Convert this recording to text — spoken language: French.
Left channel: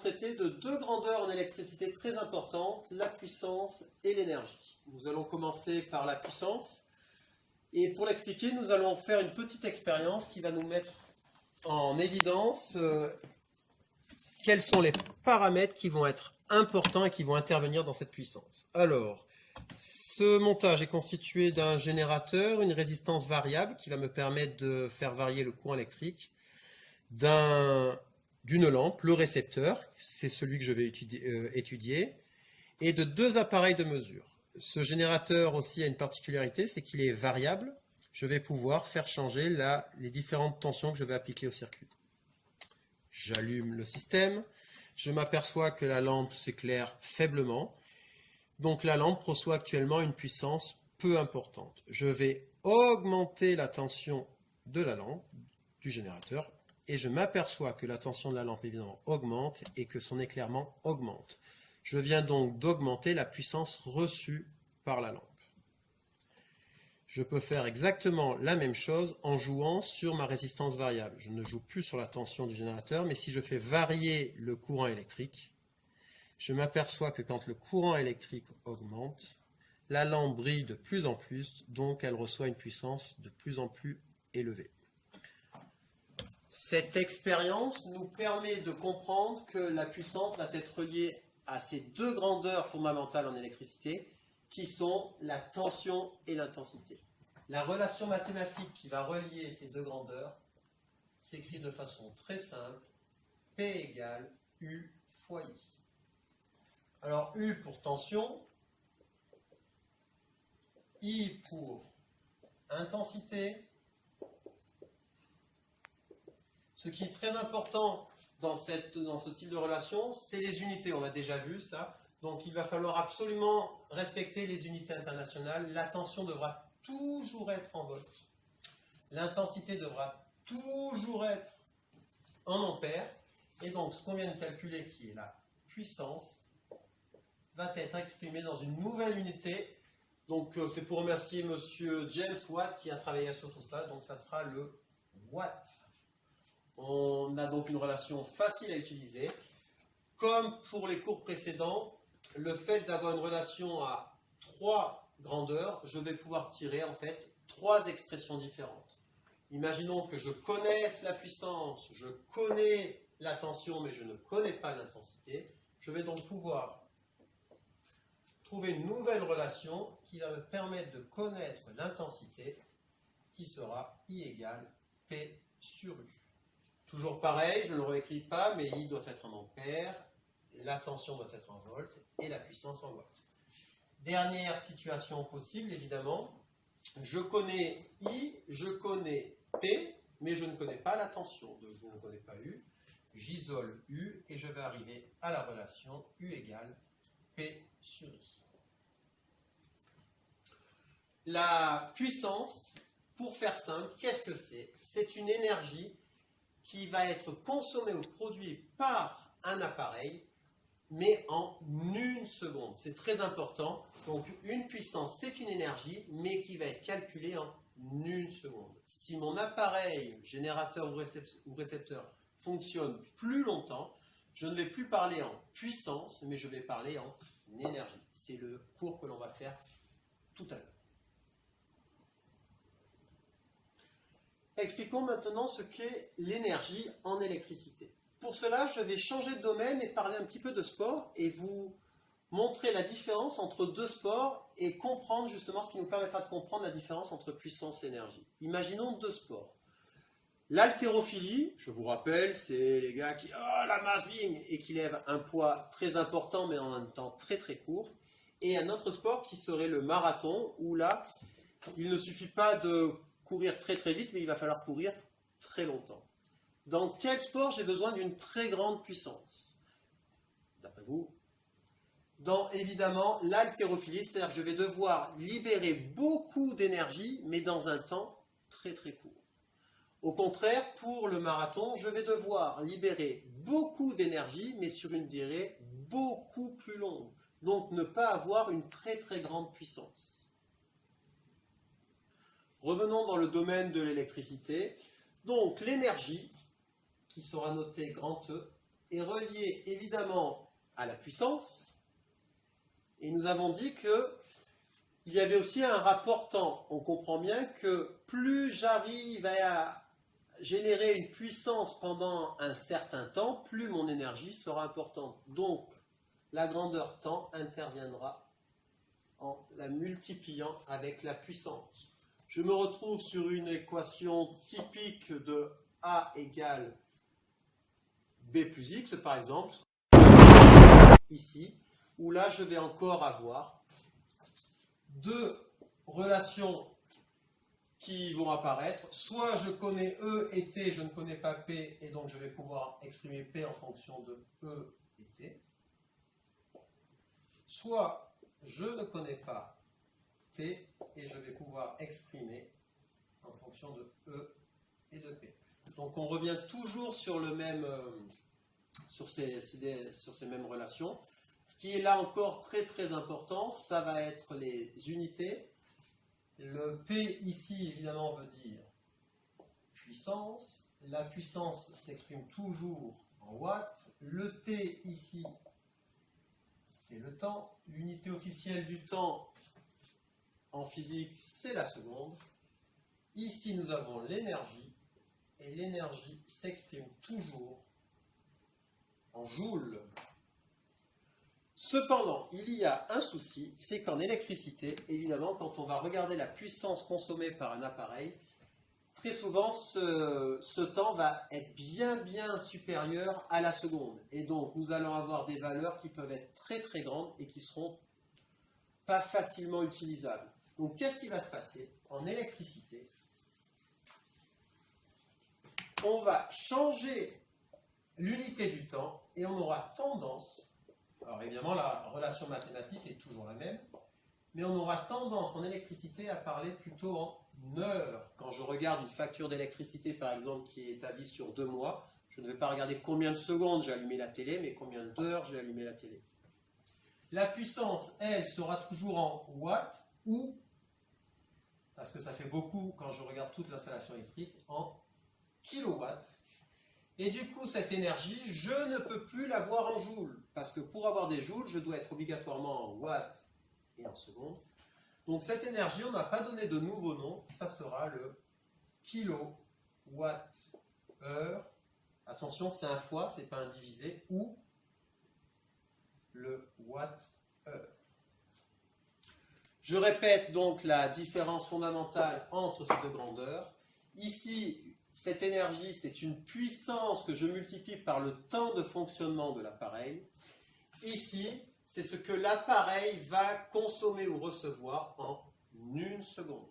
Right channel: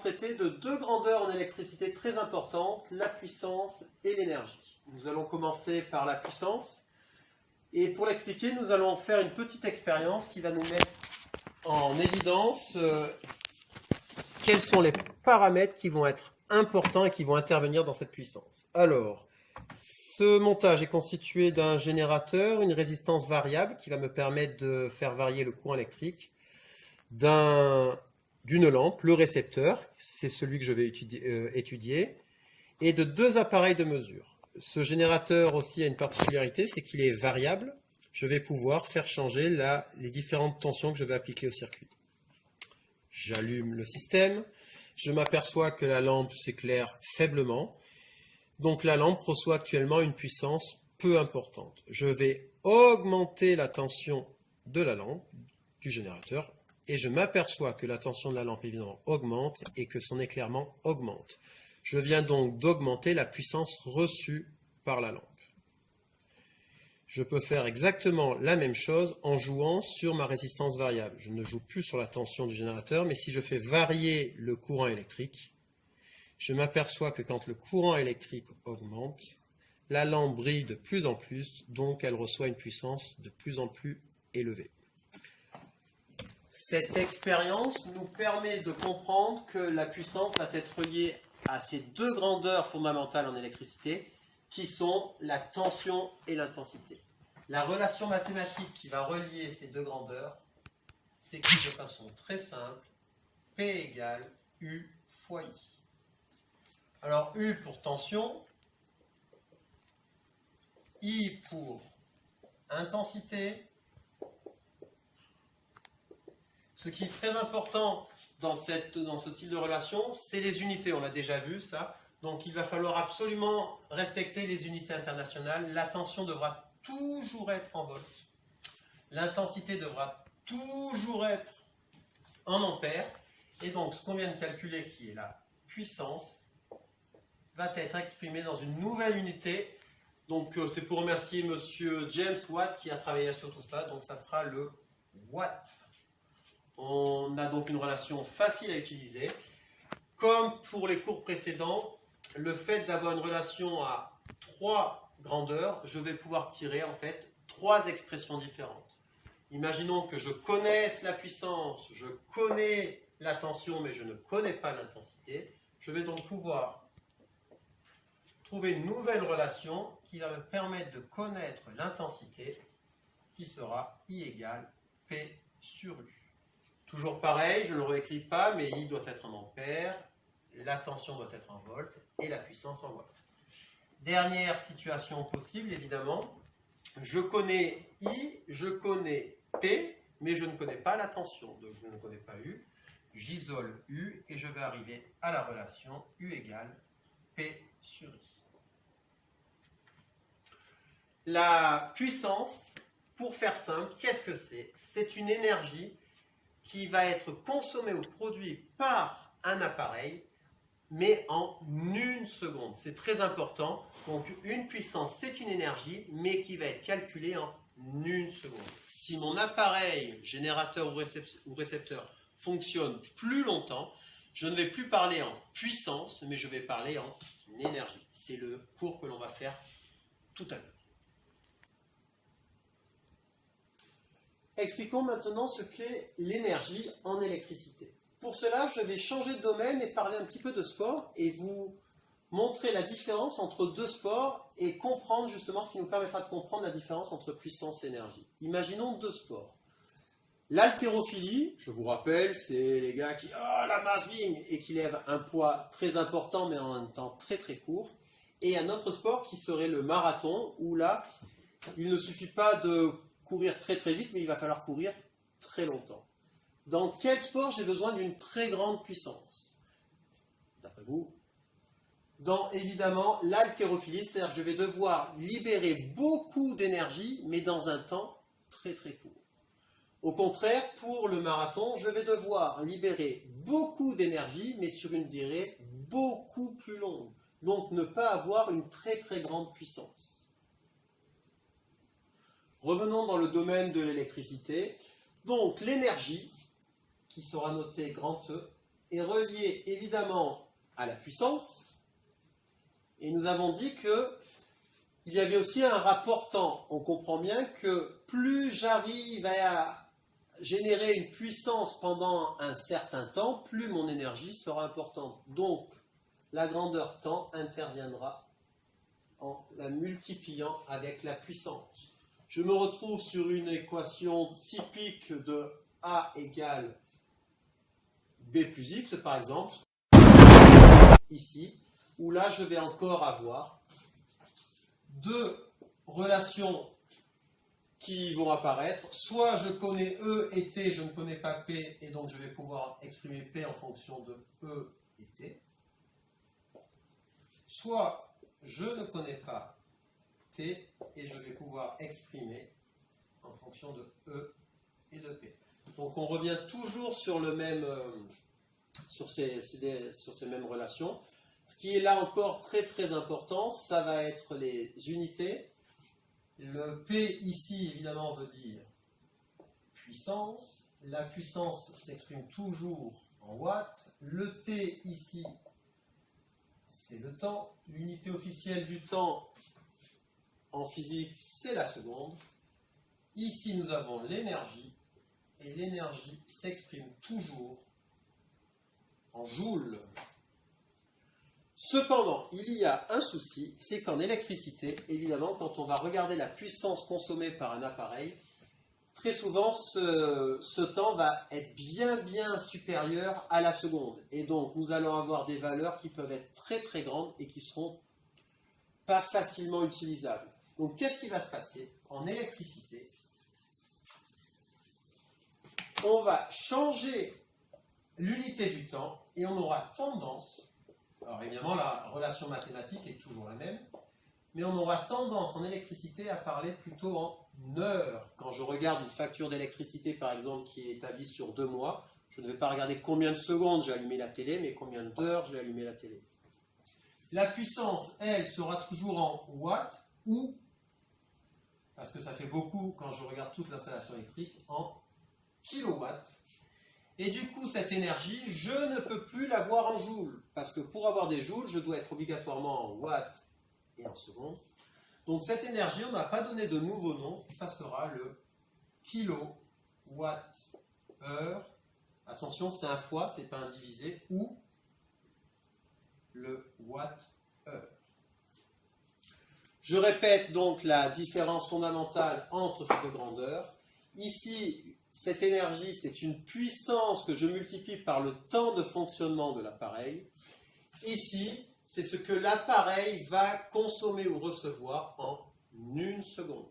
traiter de deux grandeurs en électricité très importantes, la puissance et l'énergie. Nous allons commencer par la puissance. Et pour l'expliquer, nous allons faire une petite expérience qui va nous mettre en évidence quels sont les paramètres qui vont être importants et qui vont intervenir dans cette puissance. Alors, ce montage est constitué d'un générateur, une résistance variable qui va me permettre de faire varier le courant électrique, d'une lampe, le récepteur, c'est celui que je vais étudier, et de deux appareils de mesure. Ce générateur aussi a une particularité, c'est qu'il est variable. Je vais pouvoir faire changer les différentes tensions que je vais appliquer au circuit. J'allume le système, je m'aperçois que la lampe s'éclaire faiblement, donc la lampe reçoit actuellement une puissance peu importante. Je vais augmenter la tension de la lampe, du générateur, et je m'aperçois que la tension de la lampe évidemment augmente et que son éclairement augmente. Je viens donc d'augmenter la puissance reçue par la lampe. Je peux faire exactement la même chose en jouant sur ma résistance variable. Je ne joue plus sur la tension du générateur, mais si je fais varier le courant électrique, je m'aperçois que quand le courant électrique augmente, la lampe brille de plus en plus, donc elle reçoit une puissance de plus en plus élevée. Cette expérience nous permet de comprendre que la puissance va être liée à ces deux grandeurs fondamentales en électricité, qui sont la tension et l'intensité. La relation mathématique qui va relier ces deux grandeurs s'écrit de façon très simple, P égale U fois I. Alors U pour tension, I pour intensité. Ce qui est très important dans ce style de relation, c'est les unités, on l'a déjà vu ça. Donc il va falloir absolument respecter les unités internationales. La tension devra toujours être en volts. L'intensité devra toujours être en ampères. Et donc ce qu'on vient de calculer, qui est la puissance, va être exprimé dans une nouvelle unité. Donc c'est pour remercier monsieur James Watt qui a travaillé sur tout ça. Donc ça sera le watt. On a donc une relation facile à utiliser. Comme pour les cours précédents, le fait d'avoir une relation à trois grandeurs, je vais pouvoir tirer en fait trois expressions différentes. Imaginons que je connaisse la puissance, je connais la tension, mais je ne connais pas l'intensité. Je vais donc pouvoir trouver une nouvelle relation qui va me permettre de connaître l'intensité, qui sera I égale P sur U. Toujours pareil, je ne le réécris pas, mais I doit être en ampères, la tension doit être en volts et la puissance en watts. Dernière situation possible, évidemment, je connais I, je connais P, mais je ne connais pas la tension, donc je ne connais pas U. J'isole U et je vais arriver à la relation U égale P sur I. La puissance, pour faire simple, qu'est-ce que c'est? C'est une énergie qui va être consommée ou produite par un appareil, mais en une seconde. C'est très important. Donc une puissance, c'est une énergie, mais qui va être calculée en une seconde. Si mon appareil, générateur ou récepteur, fonctionne plus longtemps, je ne vais plus parler en puissance, mais je vais parler en énergie. C'est le cours que l'on va faire tout à l'heure. Expliquons maintenant ce qu'est l'énergie en électricité. Pour cela, je vais changer de domaine et parler un petit peu de sport et vous montrer la différence entre deux sports et comprendre justement ce qui nous permettra de comprendre la différence entre puissance et énergie. Imaginons deux sports. L'haltérophilie, je vous rappelle, c'est les gars qui la masse bim et qui lèvent un poids très important mais en un temps très très court. Et un autre sport qui serait le marathon où là, il ne suffit pas de courir très très vite, mais il va falloir courir très longtemps. Dans quel sport j'ai besoin d'une très grande puissance? D'après vous? Dans évidemment l'haltérophilie, c'est-à-dire que je vais devoir libérer beaucoup d'énergie, mais dans un temps très très court. Au contraire, pour le marathon, je vais devoir libérer beaucoup d'énergie, mais sur une durée beaucoup plus longue. Donc ne pas avoir une très très grande puissance. Revenons dans le domaine de l'électricité. Donc l'énergie, qui sera notée grand E, est relié évidemment à la puissance. Et nous avons dit que il y avait aussi un rapport temps. On comprend bien que plus j'arrive à générer une puissance pendant un certain temps, plus mon énergie sera importante. Donc, la grandeur temps interviendra en la multipliant avec la puissance. Je me retrouve sur une équation typique de A égale B plus X, par exemple, ici, où là, je vais encore avoir deux relations qui vont apparaître. Soit je connais E et T, je ne connais pas P, et donc je vais pouvoir exprimer P en fonction de E et T. Soit je ne connais pas T, et je vais pouvoir exprimer en fonction de E et de P. Donc on revient toujours sur le même, sur ces mêmes relations. Ce qui est là encore très très important, ça va être les unités. Le P ici évidemment veut dire puissance. La puissance s'exprime toujours en watts. Le T ici, c'est le temps. L'unité officielle du temps en physique, c'est la seconde. Ici nous avons l'énergie. Et l'énergie s'exprime toujours en joules. Cependant, il y a un souci, c'est qu'en électricité, évidemment, quand on va regarder la puissance consommée par un appareil, très souvent, ce temps va être bien supérieur à la seconde. Et donc, nous allons avoir des valeurs qui peuvent être très grandes et qui ne seront pas facilement utilisables. Donc, qu'est-ce qui va se passer? En électricité, on va changer l'unité du temps et on aura tendance... Alors évidemment, la relation mathématique est toujours la même, mais on aura tendance en électricité à parler plutôt en heures. Quand je regarde une facture d'électricité, par exemple, qui est établie sur 2 mois, je ne vais pas regarder combien de secondes j'ai allumé la télé, mais combien d'heures j'ai allumé la télé. La puissance, elle, sera toujours en watts ou, parce que ça fait beaucoup quand je regarde toute l'installation électrique, en kilowatts. Et du coup, cette énergie, je ne peux plus l'avoir en joules. Parce que pour avoir des joules, je dois être obligatoirement en watts et en secondes. Donc cette énergie, on n'a pas donné de nouveau nom. Ça sera le kilowatt-heure. Attention, c'est un fois, ce n'est pas un divisé. Ou le watt-heure. Je répète donc la différence fondamentale entre ces deux grandeurs. Ici, cette énergie, c'est une puissance que je multiplie par le temps de fonctionnement de l'appareil. Ici, c'est ce que l'appareil va consommer ou recevoir en 1 seconde.